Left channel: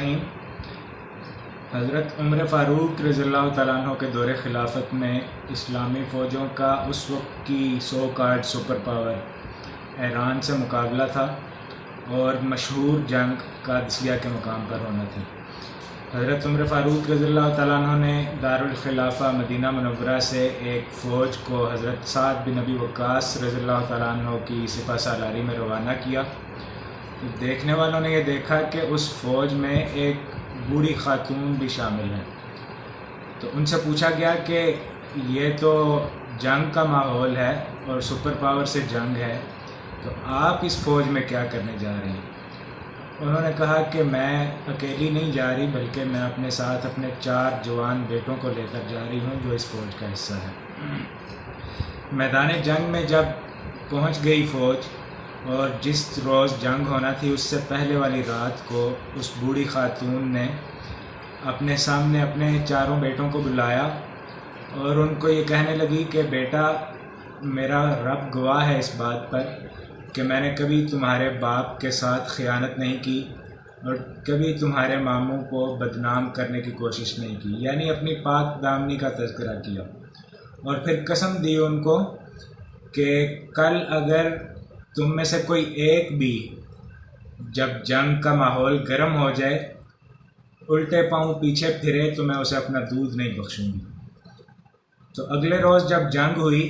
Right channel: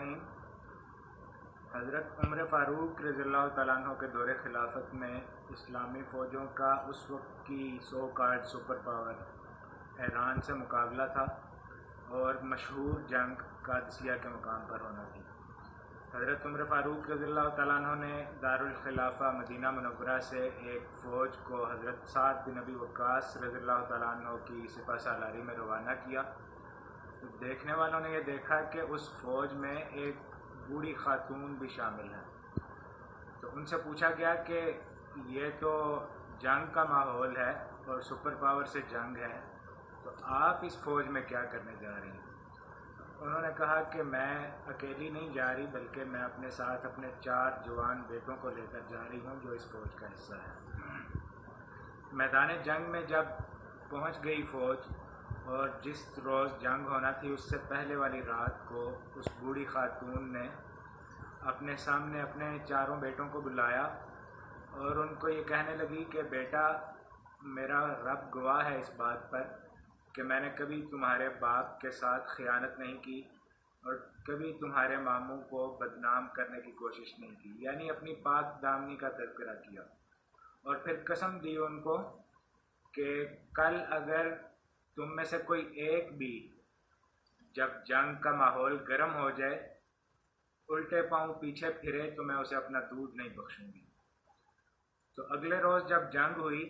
الرحیم۔ حضرت عمر فاروق رضی اللہ تعالیٰ عنہ کے دور خلافت میں اسلامی فوجوں کا اس وقت کی سو کارڈ سپر پاور ایران سے مقابلہ تھا اور مشہور جنگ قادسیہ کے مقام پر ہونا تھی۔ حضرت عمر فاروق رضی اللہ تعالیٰ عنہ نے دارالخلافہ مدینہ منورہ سے ایک فوج کو حضرت سعد بن ابی وقاص رضی اللہ تعالیٰ عنہ کی سپہ سالاری میں روانہ کیا۔ دیکھنے والوں نے یہ دیکھا کہ اس فوج میں ایک بوڑھی خاتون بھی شامل ہیں، تو ان سے پوچھا گیا کہ یہ تو جنگ کا ماحول ہے اور سپر پاور سے جنگ ہے، تو آپ اس فوج میں کیا کرنے جا رہے ہیں؟ انہوں نے کہا کہ میں اکیلی نہیں جا رہی، بلکہ میں اپنے ساتھ اپنے 4 جوان بیٹوں کو لے کر جا رہی ہوں جو اس فوج کا حصہ ہے۔ میدان جنگ میں جب پہنچ گئی فوج اور جس روز جنگ ہونا تھی اس سے پہلے والی رات کو اس بوڑھی خاتون نے اپنے سامنے اپنے 4 بیٹوں کو بلایا اور ان کو یہ کہنے لگی کہ بیٹا، میرا رب گواہ ہے اس بات پر کہ میں نے کبھی تمہارے باپ کے ساتھ خیانت نہیں کی اور کبھی تمہارے ماموں کو بدنام کرنے کی کوشش نہیں کی، یعنی اپنی پاک دامنی کا تذکرہ کیا، اور پھر قسم دی ان کو کہ کل اگر تم میں سے کوئی ایک بھی جب جنگ کا ماحول گرم ہو جائے الٹے پاؤں پیچھے پھرے تو میں اسے اپنا دودھ نہیں بخشوں گی۔ تو اگلے روز جب جنگ ہوئی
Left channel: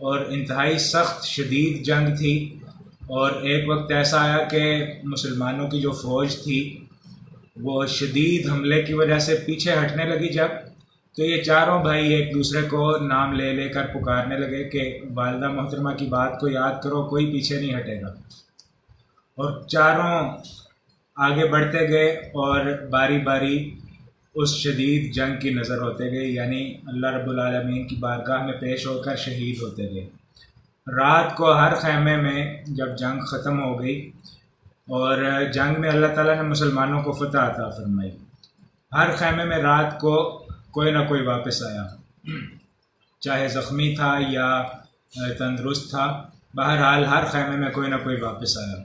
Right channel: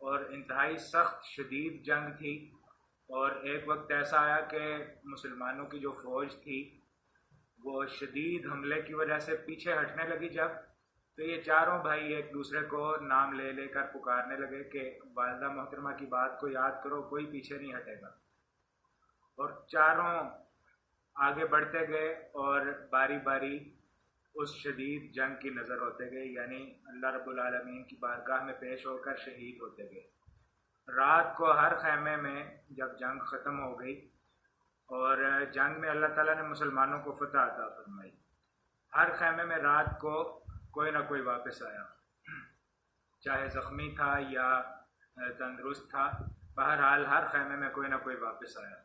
اور انتہائی سخت شدید جنگ تھی اور ایک وقت ایسا آیا کہ مسلمانوں کی جو فوج تھی وہ شدید حملے کی وجہ سے پیچھے ہٹنے لگی، جب تو یہ 4 بھائی ایک دوسرے کو نام لے لے کر پکارنے لگے کہ والدہ محترمہ کی بات کو یاد کرو، کوئی پیچھے نہیں ہٹے گا، اور 4 آگے بڑھتے گئے اور باری باری اس شدید جنگ کی نظر ہوتے گئے، یعنی اللہ رب العالمین کی بارگاہ میں پیش ہو کر شہید ہوتے گئے۔ رات کو ہر خیمے میں جب جنگ ختم ہو گئی اور جنگ میں اللہ تعالیٰ نے مسلمانوں کو فتح عطا فرمائی، ہر خیمے میں رات کو کوئی نہ کوئی واپس آیا، چاہے زخمی تھا یا تندرست تھا، بہرحال ہر خیمے میں کوئی نہ کوئی واپس آیا،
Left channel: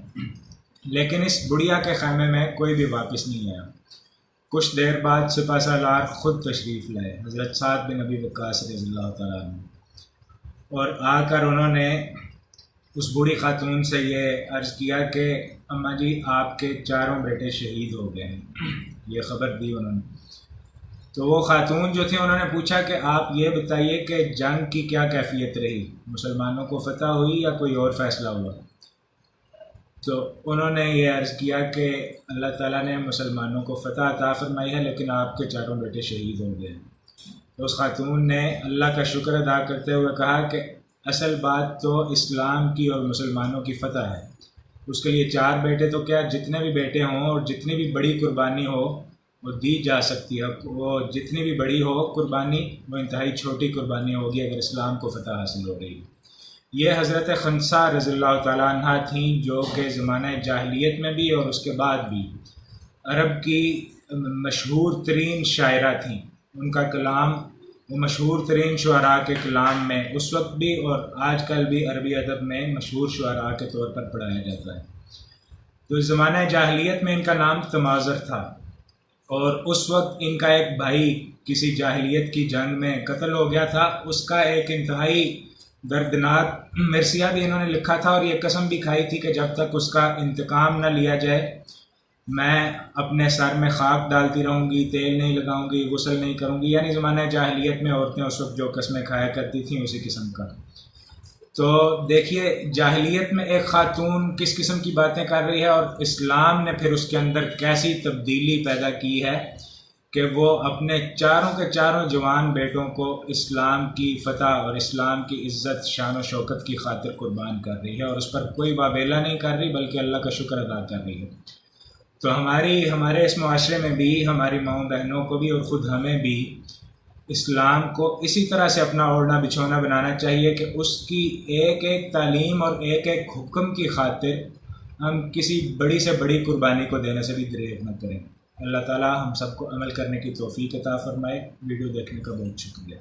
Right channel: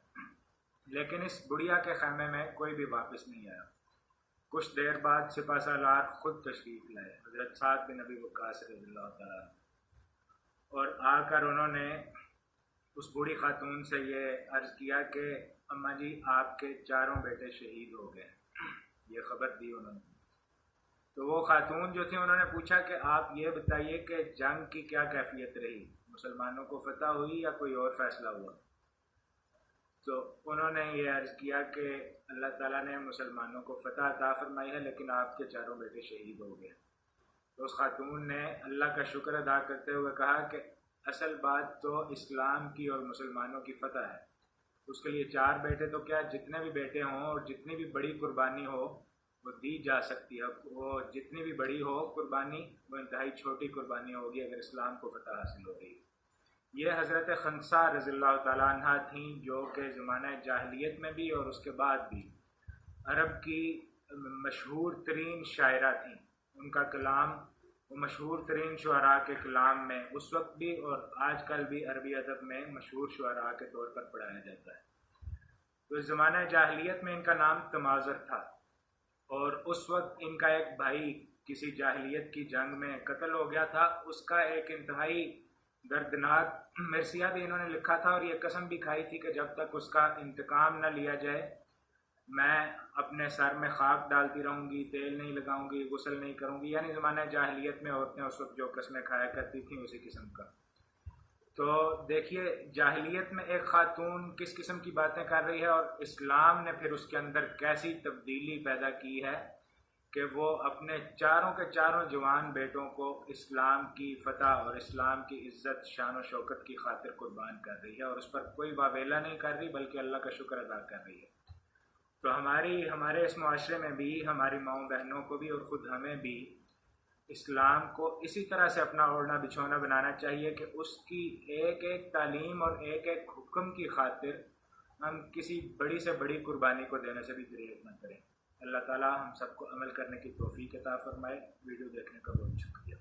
لیکن اس بڑھیا کے خیمے میں کوئی بھی واپس نہیں آیا۔ کچھ دیر بعد سپہ سالار خود تشریف لائے، حضرت سعد بن ابی وقاص رضی اللہ تعالیٰ عنہ، اور آ کر انہوں نے اس بوڑھی خاتون سے یہ عرض کیا کہ اماں جی، آپ کے 4 بیٹے شہید ہو گئے ہیں، یہ خبر دی انہوں نے۔ تو وہ خاتون جو تھی انہوں نے پوچھا کہ آپ یہ بتائیے کہ جنگ کی کیا کیفیت رہی، مسلمانوں کو فتح ہوئی یا کوئی اور فیصلہ ہوا؟ تو انہوں نے یہ عرض کیا کہ اللہ تعالیٰ نے مسلمانوں کو فتح عطا فرمائی ہے، لیکن آپ کے 4 بیٹے شہید ہو گئے۔ تو اس خاتون نے اللہ کا شکر ادا کرتے ہوئے کہا کہ اصل بات تو اسلام کی اور مسلمانوں کی فتح ہے، اس کے لیے 4 بیٹے تو کیا، جتنے بھی بیٹے ہوں اور جتنی بھی بڑی قربانی ہو وہ دی جا سکتی ہے، وہ جتنی بھی بڑی ہو قربانی وہ انتہائی چھوٹی قربانی ہوگی اگر اسلام کو فتح حاصل ہو رہی ہے۔ یہ حضرت خنسا رضی اللہ تعالیٰ عنہ تھیں جو کہ زمانہ جاہلیت میں بھی اور اس کے بعد بھی عرب کی مشہور ترین شاعرہ تھیں۔ ان کا کلام وہ مشہور ترین شعراء کے کلام میں اس وقت بھی اور آج کل بھی عربی ادب میں مشہور شعراء کے طور پر پڑھایا جاتا ہے۔ تو اس زمانہ جاہلیت میں ان کا نام تمازر تھا، اور اس وقت ان کا ایک بھائی کسی جاہلیت کی جنگ میں قتل ہو گیا تھا۔ اس کا ایک انتہائی دردناک مرثیہ بھی انہوں نے لکھا تھا اور یہ قسم بھی کھائی تھی کہ جب تک اس کا انتقام نہ لیا جائے میں اپنے سر میں خاک ڈالتی رہوں گی، تیل نہیں لگاؤں گی، غسل نہیں کروں گی، یعنی زمانہ جاہلیت میں عورتیں اس وقت جو قسمیں کھایا کرتی تھیں اسی قسم کا۔ تو دیکھیے جاہلیت میں ایک خاتون کس قسم کی باتیں کر رہی ہے اور اسلام نے پھر اس کے اندر کیسی تبدیلی پیدا کی ہے کہ وہ اپنے 4 کے 4 جوان بیٹوں کو اسلام کی فتح اور اسلام کی عزت شان و شوکت کی خاطر قربان کر رہی ہے، اور اس پر کوئی واویلا نہیں کر رہی بلکہ اللہ کا شکر ادا کر رہی ہے۔ تو ہمارے اس معاشرے میں بھی ہماری ماؤں بہنوں کو بھی اور خود ہمیں بھی اسلام کو اسی طرح سے اپنا اوڑھنا بچھونا بنانا چاہیے کہ اس کی ایک ایک تعلیم اور ایک ایک حکم کی خاطر ہم کسی بڑی سے بڑی قربانی کو دینے سے بھی دریغ نہ کریں۔ اللہ تعالیٰ ہم سب کو عمل کرنے کی توفیق عطا فرمائے۔ ویڈیو دیکھنے کا بہت شکریہ۔